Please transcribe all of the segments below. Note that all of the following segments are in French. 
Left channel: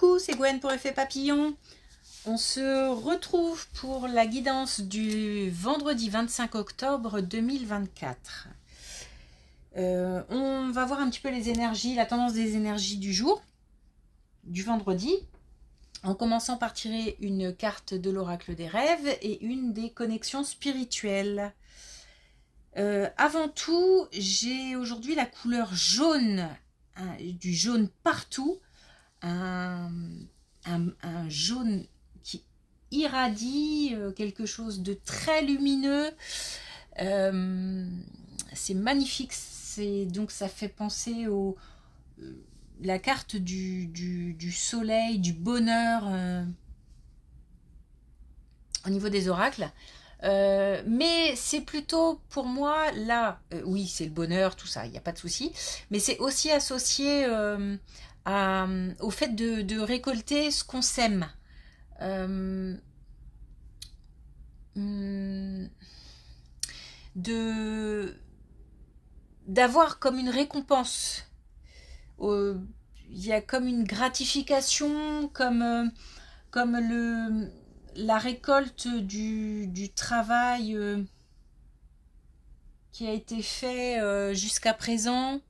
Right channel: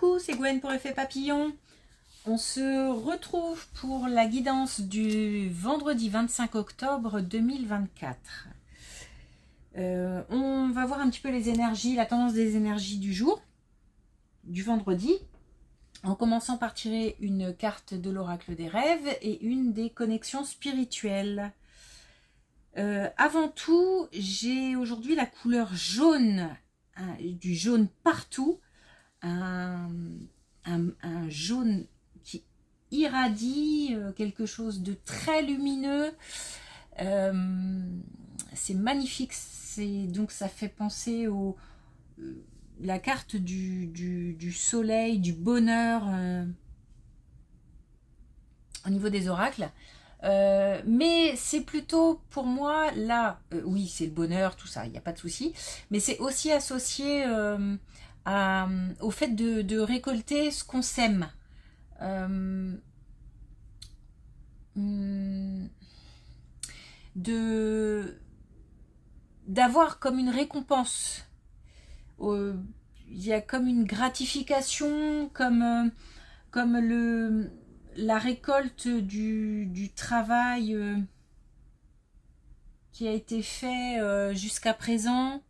Coucou, c'est Gwen pour Effet Papillon. On se retrouve pour la guidance du vendredi 25 octobre 2024. On va voir un petit peu les énergies, la tendance des énergies du jour, du vendredi, en commençant par tirer une carte de l'oracle des rêves et une des connexions spirituelles. Avant tout, j'ai aujourd'hui la couleur jaune, du jaune partout, un jaune qui irradie, quelque chose de très lumineux. C'est magnifique, donc ça fait penser au la carte du soleil, du bonheur au niveau des oracles. Mais c'est plutôt pour moi là, oui c'est le bonheur, tout ça, il n'y a pas de souci, mais c'est aussi associé au fait de récolter ce qu'on sème, d'avoir comme une récompense, il y a comme une gratification, comme la récolte du travail qui a été fait jusqu'à présent.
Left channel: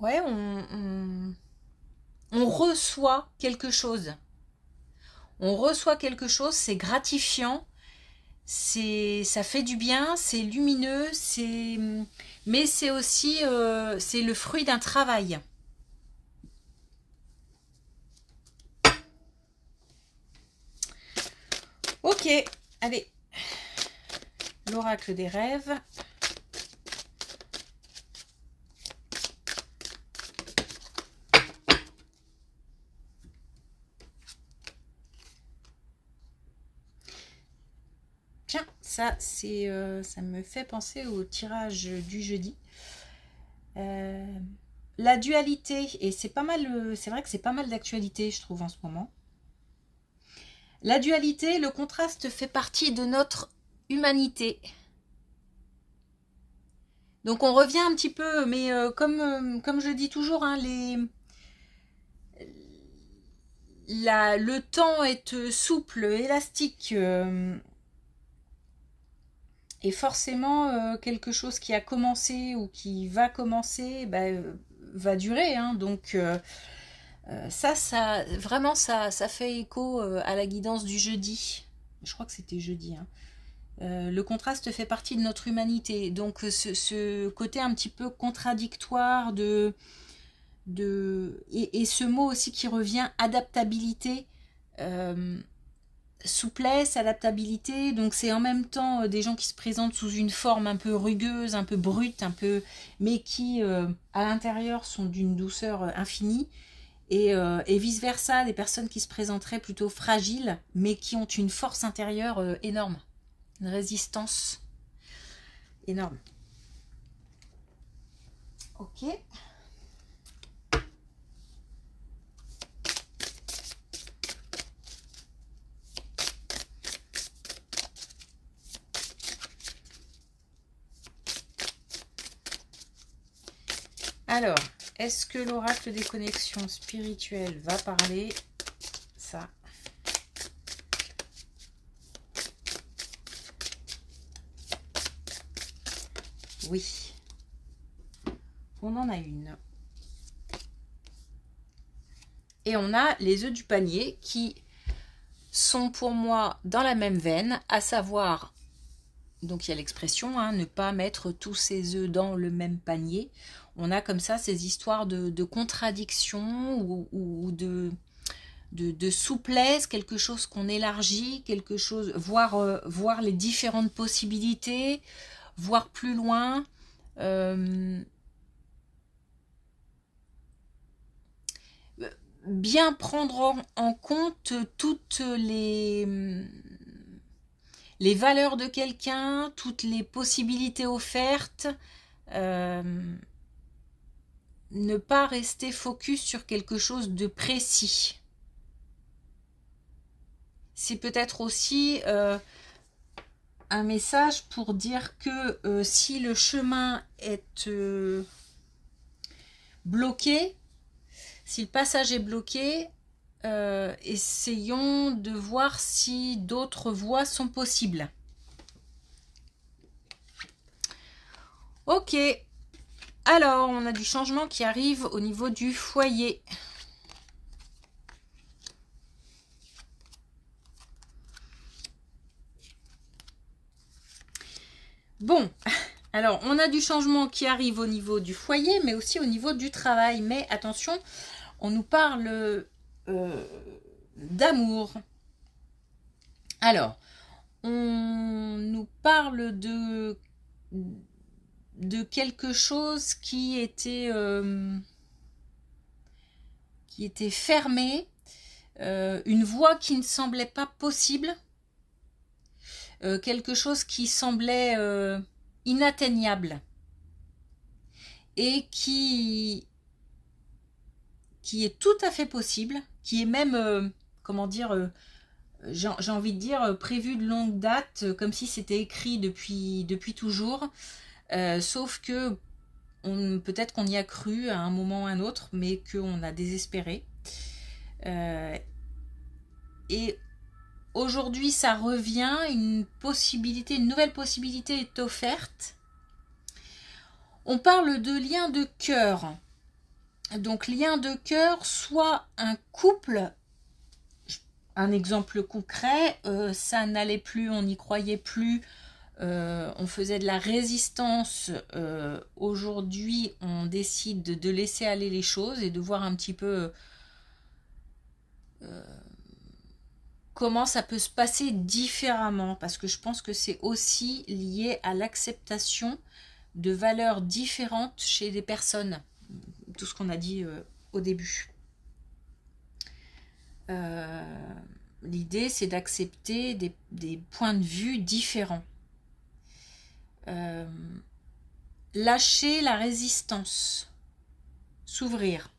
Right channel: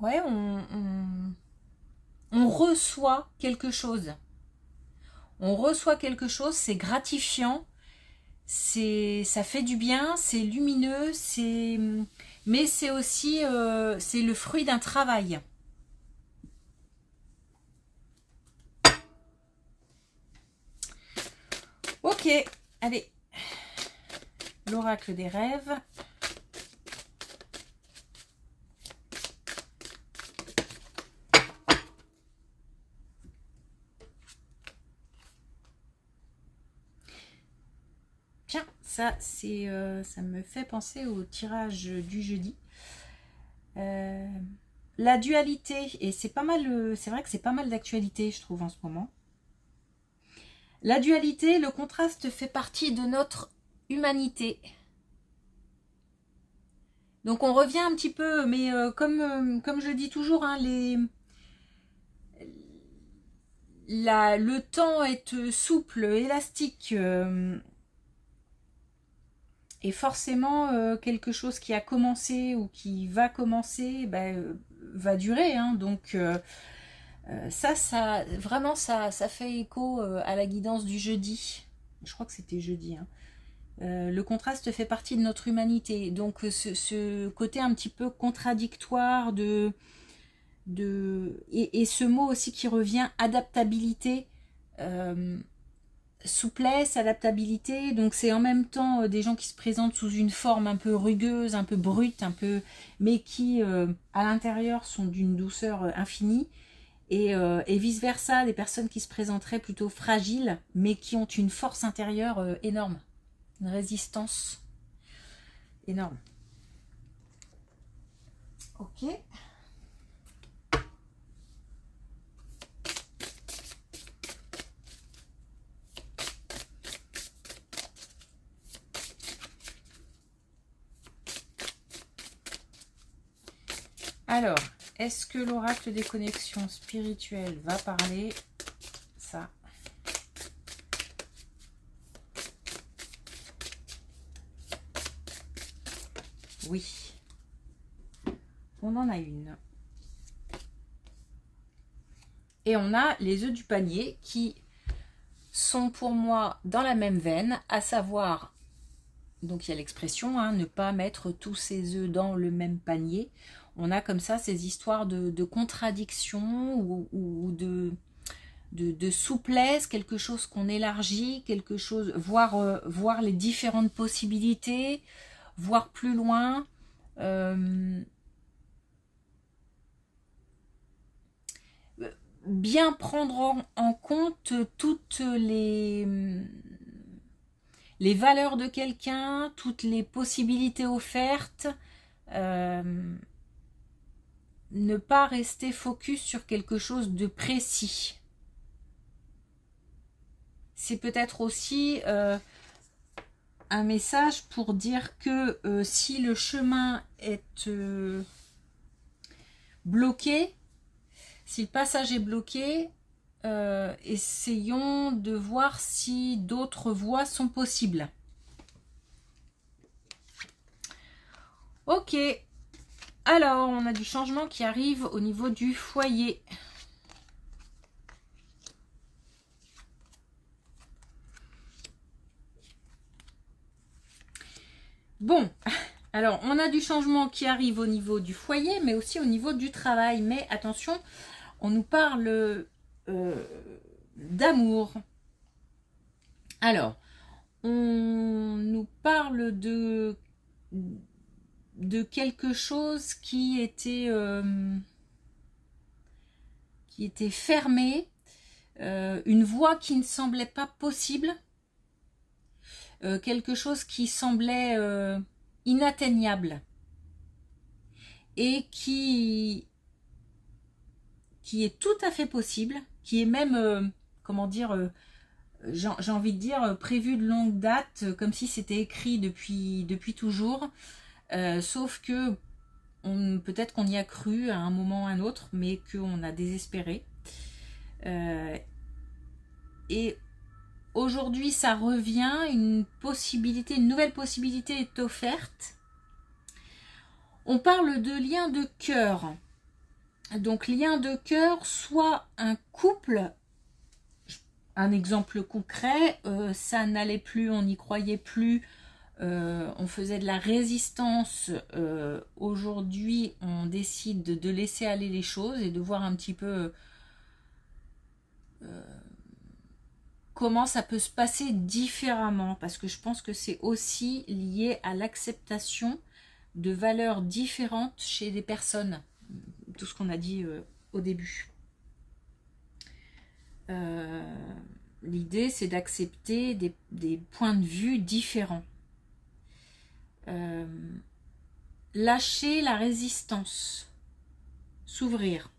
Ouais, on reçoit quelque chose. On reçoit quelque chose, c'est gratifiant, ça fait du bien, c'est lumineux, mais c'est aussi c'est le fruit d'un travail. Ok, allez, l'oracle des rêves. Tiens, ça me fait penser au tirage du jeudi. La dualité, et c'est pas mal, c'est vrai que c'est pas mal d'actualité, je trouve, en ce moment. La dualité, le contraste fait partie de notre humanité. Donc on revient un petit peu, mais comme je dis toujours, hein, le temps est souple, élastique, et forcément quelque chose qui a commencé ou qui va commencer va durer, hein. Donc vraiment ça fait écho à la guidance du jeudi. Je crois que c'était jeudi, hein. Le contraste fait partie de notre humanité, donc ce côté un petit peu contradictoire et ce mot aussi qui revient, adaptabilité, souplesse, adaptabilité. Donc c'est en même temps des gens qui se présentent sous une forme un peu rugueuse, un peu brute, mais qui à l'intérieur sont d'une douceur infinie, et vice versa, des personnes qui se présenteraient plutôt fragiles mais qui ont une force intérieure énorme, une résistance énorme. Ok. Alors, est-ce que l'oracle des connexions spirituelles va parler ça? Oui. On en a une. Et on a les œufs du panier qui sont pour moi dans la même veine, à savoir, donc il y a l'expression, hein, ne pas mettre tous ses œufs dans le même panier. On a comme ça ces histoires de contradiction ou de souplesse, quelque chose qu'on élargit, quelque chose, voir les différentes possibilités, voir plus loin. Bien prendre en compte toutes les valeurs de quelqu'un, toutes les possibilités offertes, ne pas rester focus sur quelque chose de précis. C'est peut-être aussi un message pour dire que si le chemin est bloqué, si le passage est bloqué, essayons de voir si d'autres voies sont possibles. Ok, alors on a du changement qui arrive au niveau du foyer. Bon, alors on a du changement qui arrive au niveau du foyer, mais aussi au niveau du travail. Mais attention, on nous parle d'amour. Alors, on nous parle de quelque chose qui était fermé, une voie qui ne semblait pas possible, quelque chose qui semblait inatteignable et qui est tout à fait possible, qui est même, comment dire, j'ai envie de dire, prévu de longue date, comme si c'était écrit depuis toujours, sauf que peut-être qu'on y a cru à un moment ou à un autre, mais qu'on a désespéré. Et aujourd'hui, ça revient, une nouvelle possibilité est offerte. On parle de lien de cœur. Donc, lien de cœur, soit un couple, un exemple concret, ça n'allait plus, on n'y croyait plus, on faisait de la résistance. Aujourd'hui, on décide de laisser aller les choses et de voir un petit peu comment ça peut se passer différemment, parce que je pense que c'est aussi lié à l'acceptation de valeurs différentes chez des personnes, tout ce qu'on a dit au début. L'idée, c'est d'accepter des points de vue différents. Lâcher la résistance, s'ouvrir.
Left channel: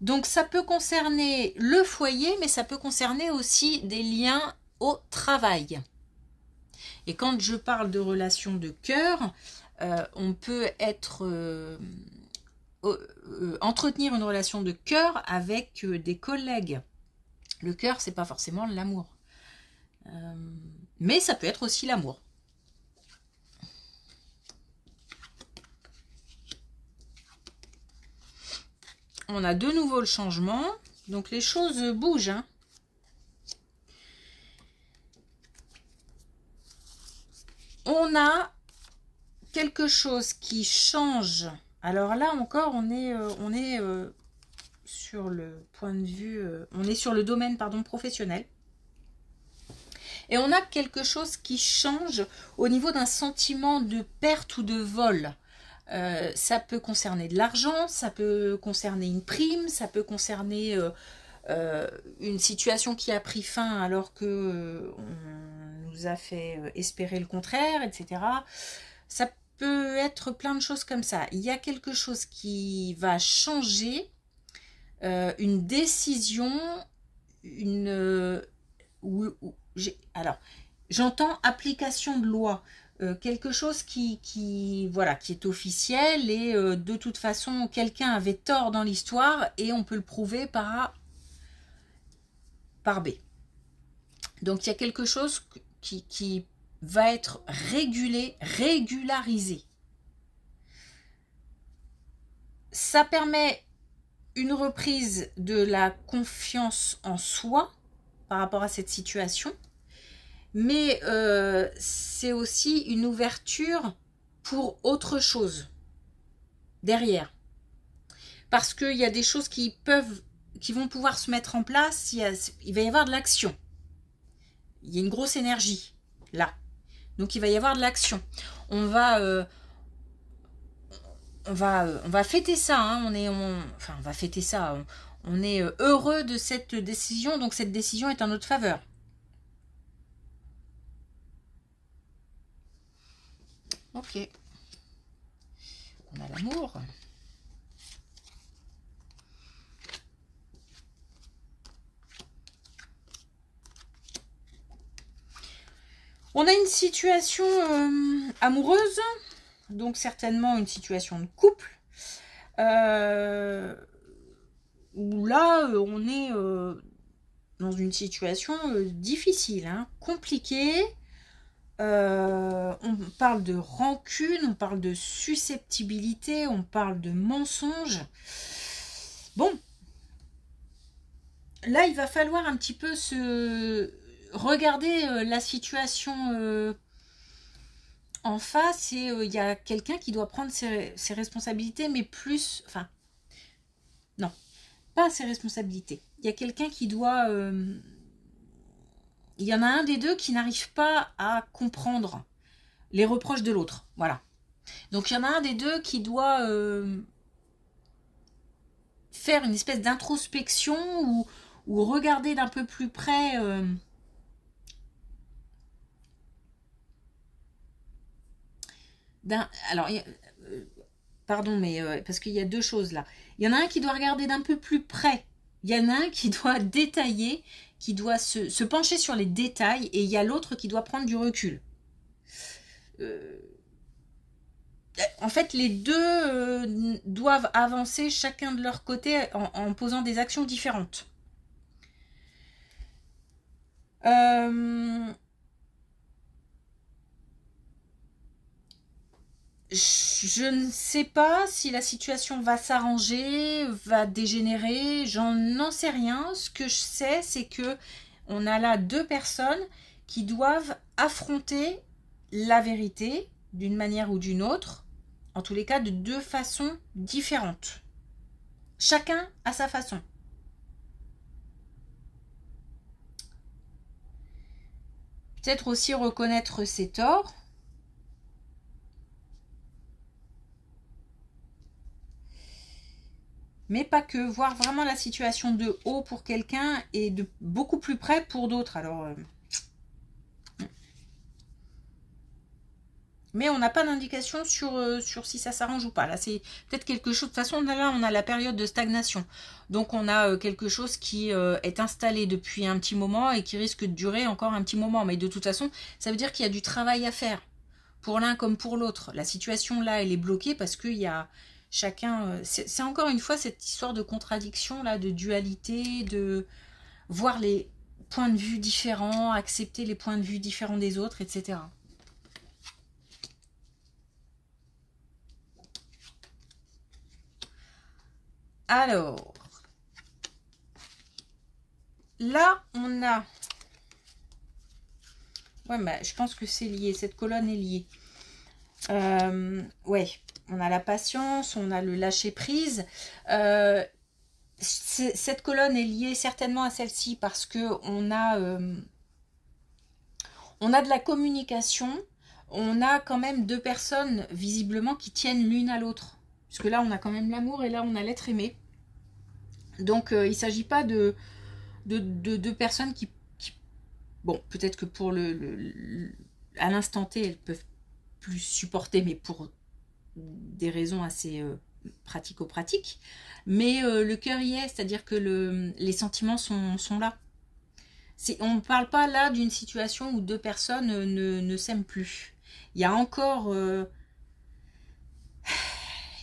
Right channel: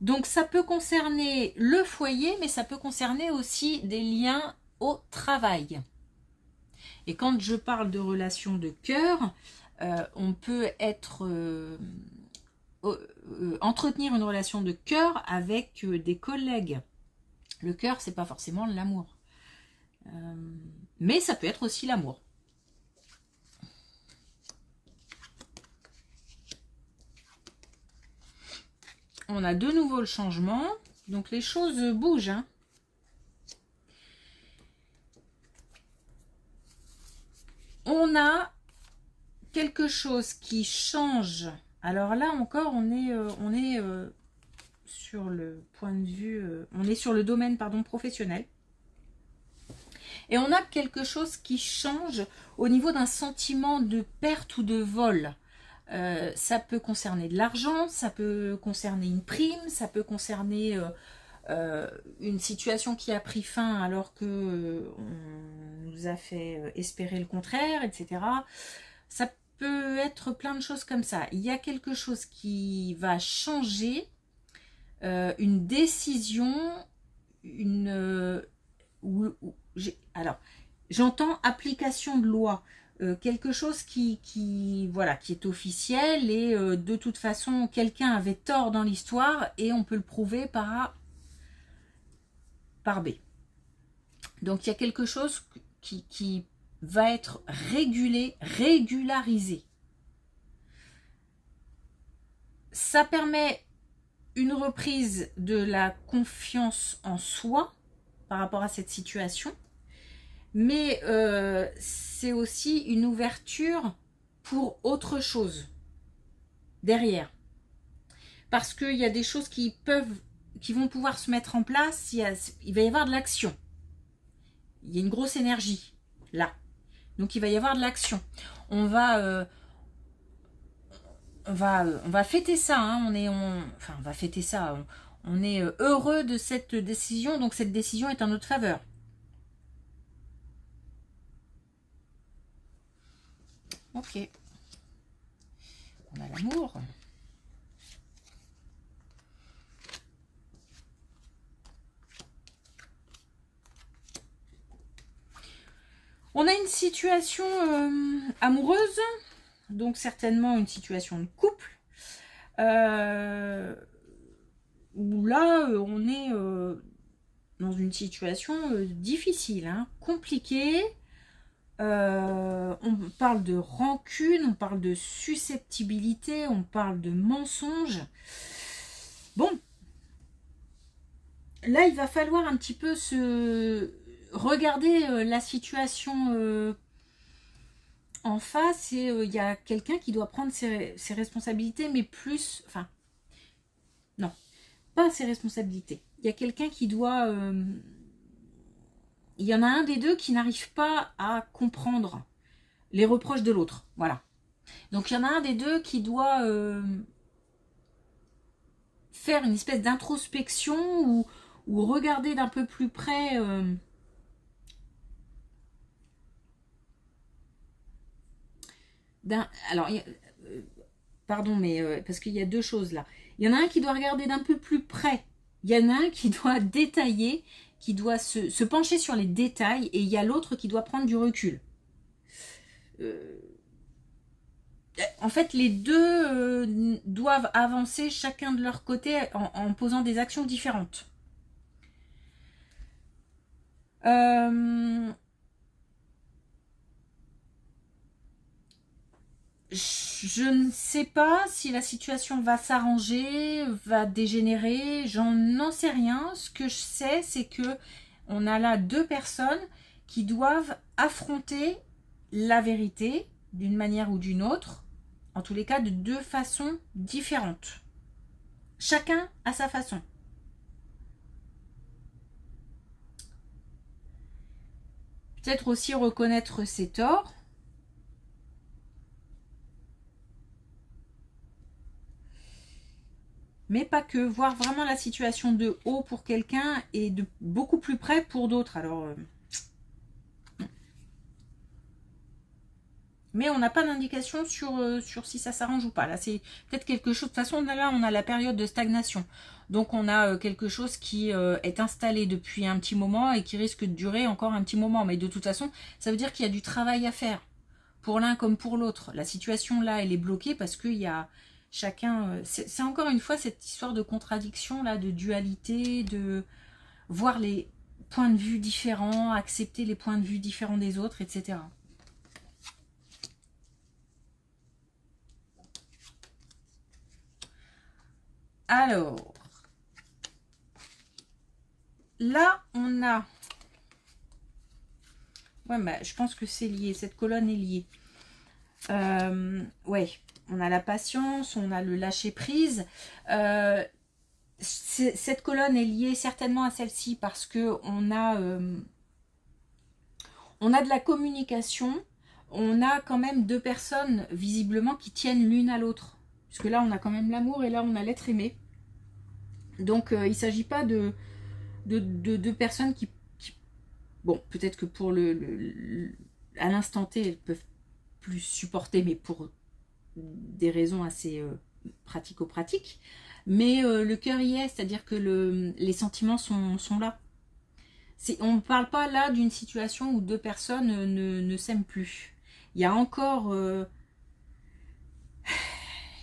Donc ça peut concerner le foyer, mais ça peut concerner aussi des liens au travail. Et quand je parle de relations de cœur, on peut entretenir une relation de cœur avec des collègues. Le cœur, c'est pas forcément l'amour. Mais ça peut être aussi l'amour. On a de nouveau le changement. Donc les choses bougent. Hein. On a quelque chose qui change. Alors là encore, on est sur le point de vue... on est sur le domaine, pardon, professionnel. Et on a quelque chose qui change au niveau d'un sentiment de perte ou de vol. Ça peut concerner de l'argent, ça peut concerner une prime, ça peut concerner une situation qui a pris fin alors que on nous a fait espérer le contraire, etc. Ça peut être plein de choses comme ça. Il y a quelque chose qui va changer, une décision, alors, j'entends application de loi. Quelque chose qui est officiel et de toute façon quelqu'un avait tort dans l'histoire et on peut le prouver par A par B. Donc il y a quelque chose qui va être régularisé. Ça permet une reprise de la confiance en soi par rapport à cette situation. Mais c'est aussi une ouverture pour autre chose derrière. Parce qu'il y a des choses qui vont pouvoir se mettre en place. Il va y avoir de l'action. Il y a une grosse énergie là. Donc il va y avoir de l'action. On va fêter ça. Hein. On va fêter ça. On est heureux de cette décision. Donc cette décision est en notre faveur. Ok. On a l'amour. On a une situation amoureuse, donc certainement une situation de couple, où là, on est dans une situation difficile, hein, compliquée. On parle de rancune, on parle de susceptibilité, on parle de mensonge. Bon, là, il va falloir un petit peu se regarder la situation en face, et il y a quelqu'un qui doit prendre ses responsabilités, mais plus... Enfin, non, pas ses responsabilités. Il y a quelqu'un qui doit... il y en a un des deux qui n'arrive pas à comprendre les reproches de l'autre. Voilà. Donc, il y en a un des deux qui doit faire une espèce d'introspection ou regarder d'un peu plus près... alors, pardon, mais parce qu'il y a deux choses là. Il y en a un qui doit regarder d'un peu plus près. Il y en a un qui doit détailler, qui doit se pencher sur les détails, et il y a l'autre qui doit prendre du recul. En fait, les deux doivent avancer chacun de leur côté en posant des actions différentes. Je ne sais pas si la situation va s'arranger, va dégénérer, n'en sais rien. Ce que je sais, c'est que on a là deux personnes qui doivent affronter la vérité d'une manière ou d'une autre, en tous les cas de deux façons différentes. Chacun à sa façon. Peut-être aussi reconnaître ses torts. Mais pas que, voir vraiment la situation de haut pour quelqu'un et de beaucoup plus près pour d'autres. Alors, mais on n'a pas d'indication sur si ça s'arrange ou pas. Là, c'est peut-être quelque chose... De toute façon, là, on a la période de stagnation. Donc, on a quelque chose qui est installé depuis un petit moment et qui risque de durer encore un petit moment. Mais de toute façon, ça veut dire qu'il y a du travail à faire. Pour l'un comme pour l'autre. La situation, là, elle est bloquée parce qu'il y a... Chacun, c'est encore une fois cette histoire de contradiction, là, de dualité, de voir les points de vue différents, accepter les points de vue différents des autres, etc. Alors, là, on a... Ouais, bah, je pense que c'est lié, cette colonne est liée. Ouais, on a la patience, on a le lâcher-prise. Cette colonne est liée certainement à celle-ci parce que on a de la communication, on a quand même deux personnes visiblement qui tiennent l'une à l'autre. Parce que là, on a quand même l'amour et là, on a l'être aimé. Donc, il ne s'agit pas de deux personnes qui... Bon, peut-être que pour à l'instant T, elles peuvent plus supporter, mais pour des raisons assez pratico-pratiques. Mais le cœur y est, c'est-à-dire que les sentiments sont là. On ne parle pas là d'une situation où deux personnes ne s'aiment plus. Il y a encore...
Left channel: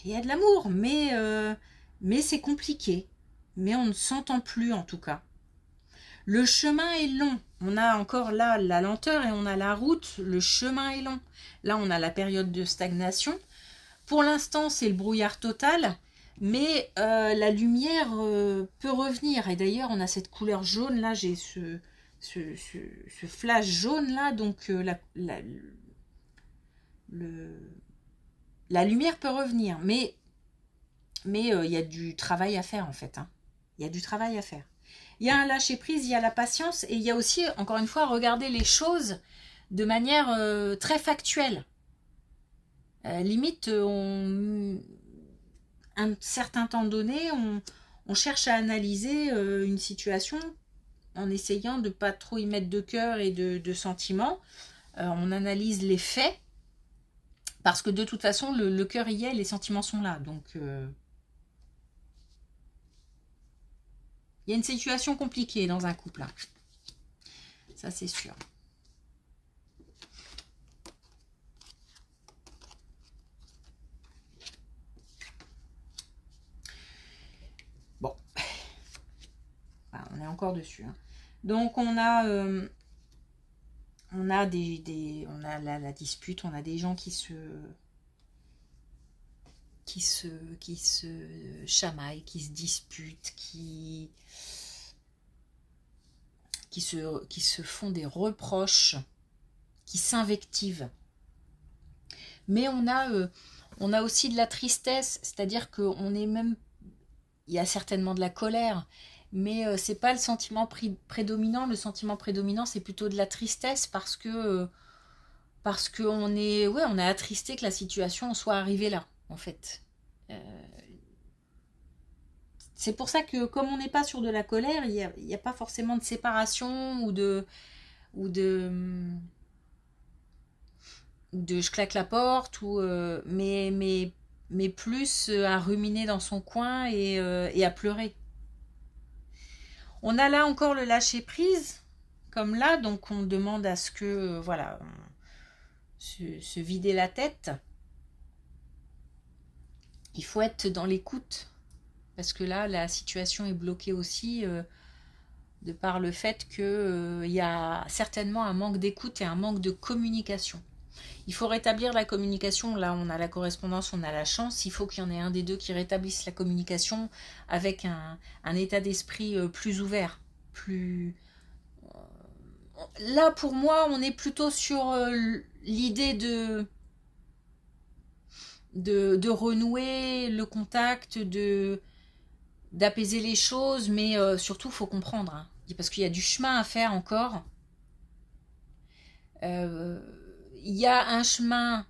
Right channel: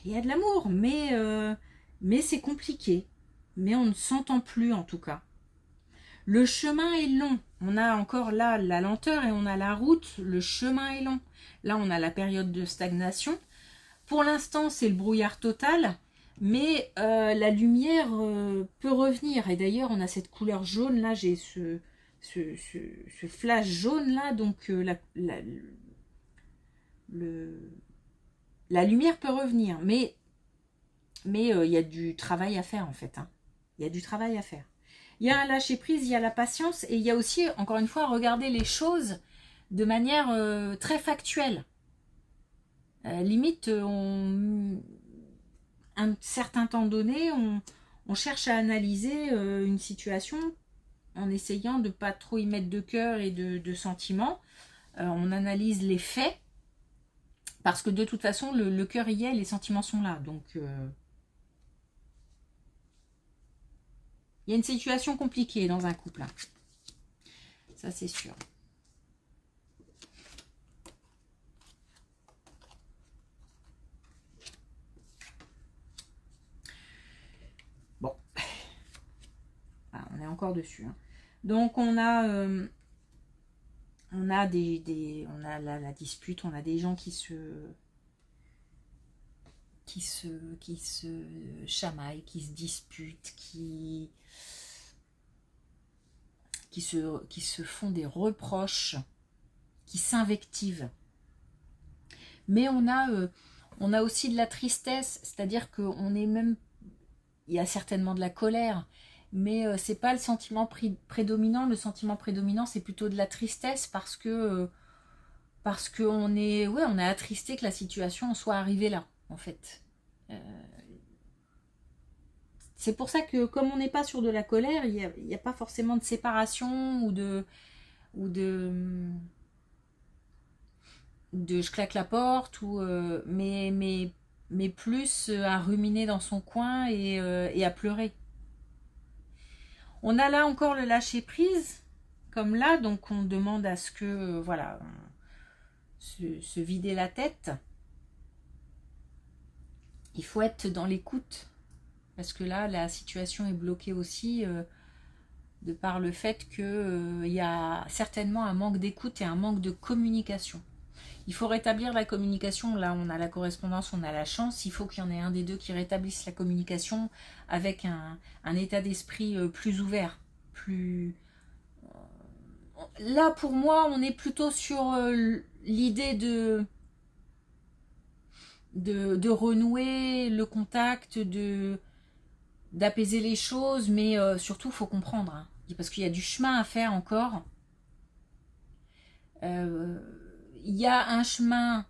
il y a de l'amour, mais c'est compliqué. Mais on ne s'entend plus en tout cas. Le chemin est long. On a encore là la lenteur et on a la route. Le chemin est long. Là, on a la période de stagnation. Pour l'instant, c'est le brouillard total. Mais la lumière peut revenir. Et d'ailleurs, on a cette couleur jaune. Là, j'ai ce flash jaune là. Donc, la lumière peut revenir. Mais il y a du travail à faire en fait. Hein. Il y a du travail à faire. Il y a un lâcher-prise, il y a la patience. Et il y a aussi, encore une fois, regarder les choses de manière très factuelle. Limite, un certain temps donné, on cherche à analyser une situation en essayant de ne pas trop y mettre de cœur et de sentiments. On analyse les faits parce que de toute façon, le cœur y est, les sentiments sont là. Donc, il y a une situation compliquée dans un couple. Hein. Ça, c'est sûr. on est encore dessus. Hein. Donc on a la dispute, on a des gens qui se chamaillent, qui se disputent, qui se font des reproches, qui s'invectivent. Mais on a aussi de la tristesse, c'est-à-dire qu'on est même, il y a certainement de la colère, mais c'est pas le sentiment prédominant. Le sentiment prédominant, c'est plutôt de la tristesse parce qu'on est, ouais, on est attristé que la situation soit arrivée là, en fait. C'est pour ça que comme on n'est pas sur de la colère, il n'y a pas forcément de séparation ou de je claque la porte, mais plus à ruminer dans son coin et à pleurer. On a là encore le lâcher prise, comme là, donc on demande à ce que, voilà, se vider la tête. Il faut être dans l'écoute, parce que là, la situation est bloquée aussi, de par le fait qu'il y a certainement un manque d'écoute et un manque de communication. Il faut rétablir la communication. Là, on a la correspondance, on a la chance. Il faut qu'il y en ait un des deux qui rétablisse la communication avec un état d'esprit plus ouvert. Là, pour moi, on est plutôt sur l'idée de renouer le contact, d'apaiser les choses. Mais surtout, il faut comprendre. Hein, parce qu'il y a du chemin à faire encore. Il y a un chemin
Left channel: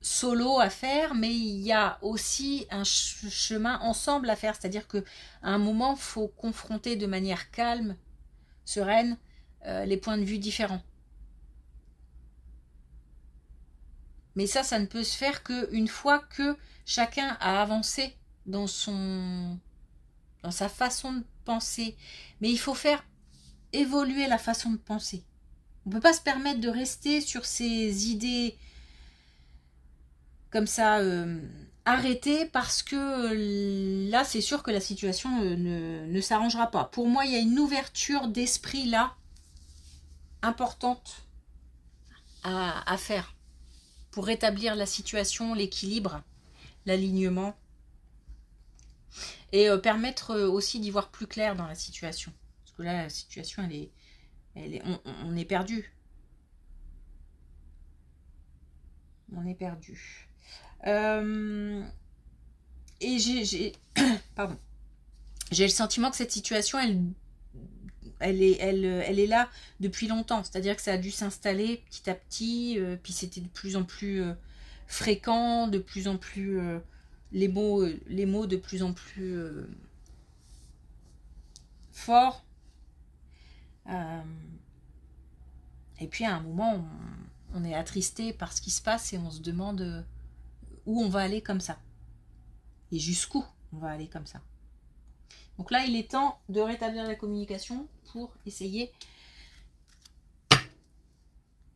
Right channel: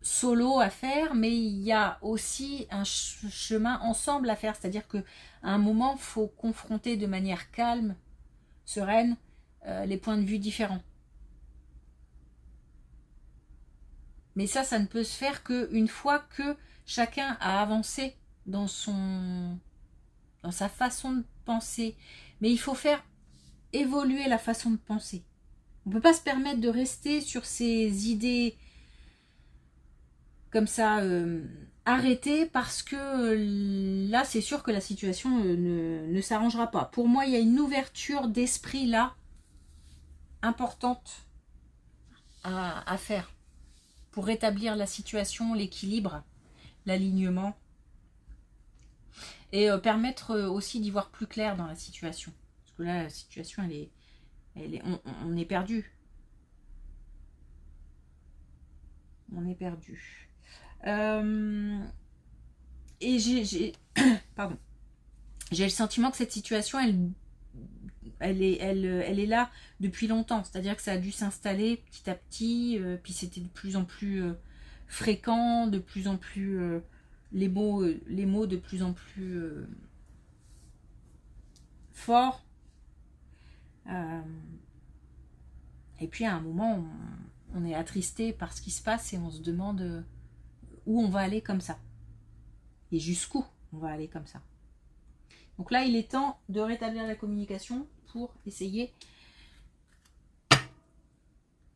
solo à faire, mais il y a aussi un chemin ensemble à faire. C'est-à-dire qu'à un moment, il faut confronter de manière calme, sereine, les points de vue différents. Mais ça ne peut se faire qu'une fois que chacun a avancé dans sa façon de penser. Mais il faut faire évoluer la façon de penser. On ne peut pas se permettre de rester sur ces idées comme ça arrêtées, parce que là, c'est sûr que la situation ne s'arrangera pas. Pour moi, il y a une ouverture d'esprit là, importante à faire pour rétablir la situation, l'équilibre, l'alignement et permettre aussi d'y voir plus clair dans la situation. Parce que là, la situation, on est perdu. On est perdu. Et pardon. J'ai le sentiment que cette situation, elle est là depuis longtemps. C'est-à-dire que ça a dû s'installer petit à petit. Puis c'était de plus en plus fréquent, de plus en plus les mots de plus en plus forts. Et puis à un moment, on est attristé par ce qui se passe et on se demande où on va aller comme ça. Et jusqu'où on va aller comme ça. Donc là, il est temps de rétablir la communication pour essayer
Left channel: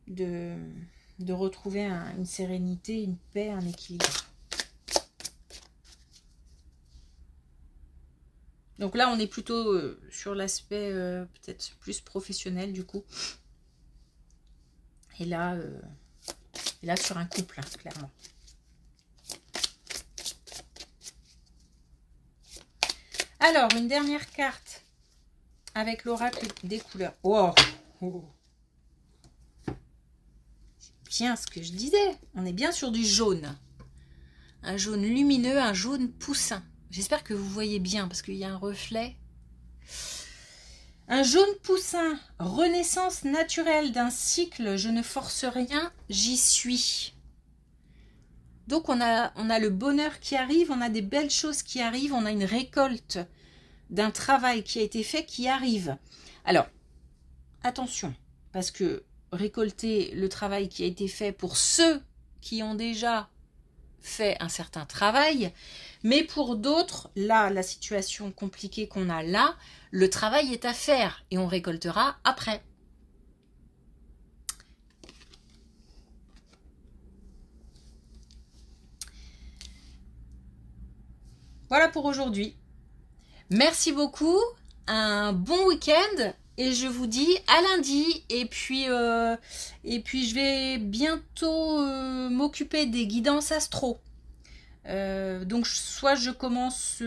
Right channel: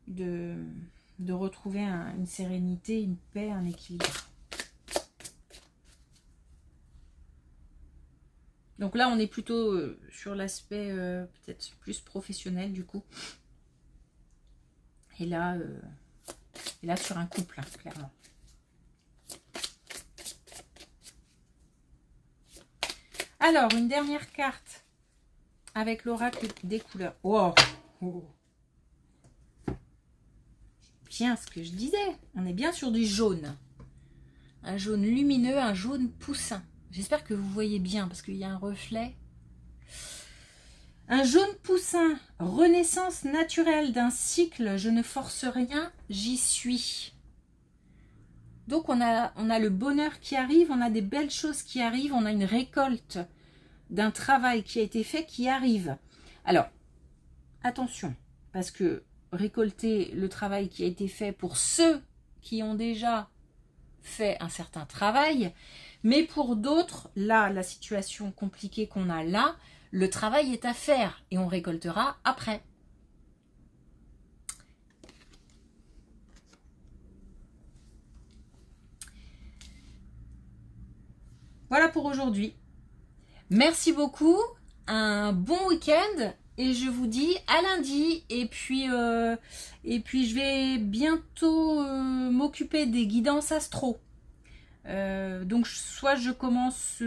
de retrouver une sérénité, une paix, un équilibre. Donc là, on est plutôt sur l'aspect peut-être plus professionnel du coup. Et là sur un couple, hein, clairement. Alors, une dernière carte avec l'oracle des couleurs. Oh, oh. C'est bien ce que je disais. On est bien sur du jaune. Un jaune lumineux, un jaune poussin. J'espère que vous voyez bien parce qu'il y a un reflet. Un jaune poussin, renaissance naturelle d'un cycle, je ne force rien, j'y suis. Donc on a le bonheur qui arrive, on a des belles choses qui arrivent, on a une récolte d'un travail qui a été fait qui arrive. Alors, attention, parce que récolter le travail qui a été fait pour ceux qui ont déjà fait un certain travail, mais pour d'autres, là, la situation compliquée qu'on a là, le travail est à faire et on récoltera après. Voilà pour aujourd'hui. Merci beaucoup. un bon week-end et je vous dis à lundi. Et puis je vais bientôt m'occuper des guidances astro. Donc soit je commence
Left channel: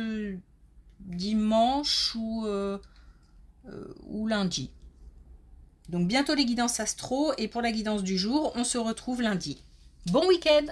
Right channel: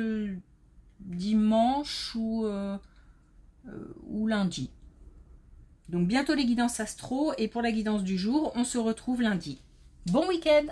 dimanche ou lundi. Donc bientôt les guidances astro et pour la guidance du jour, on se retrouve lundi. Bon week-end!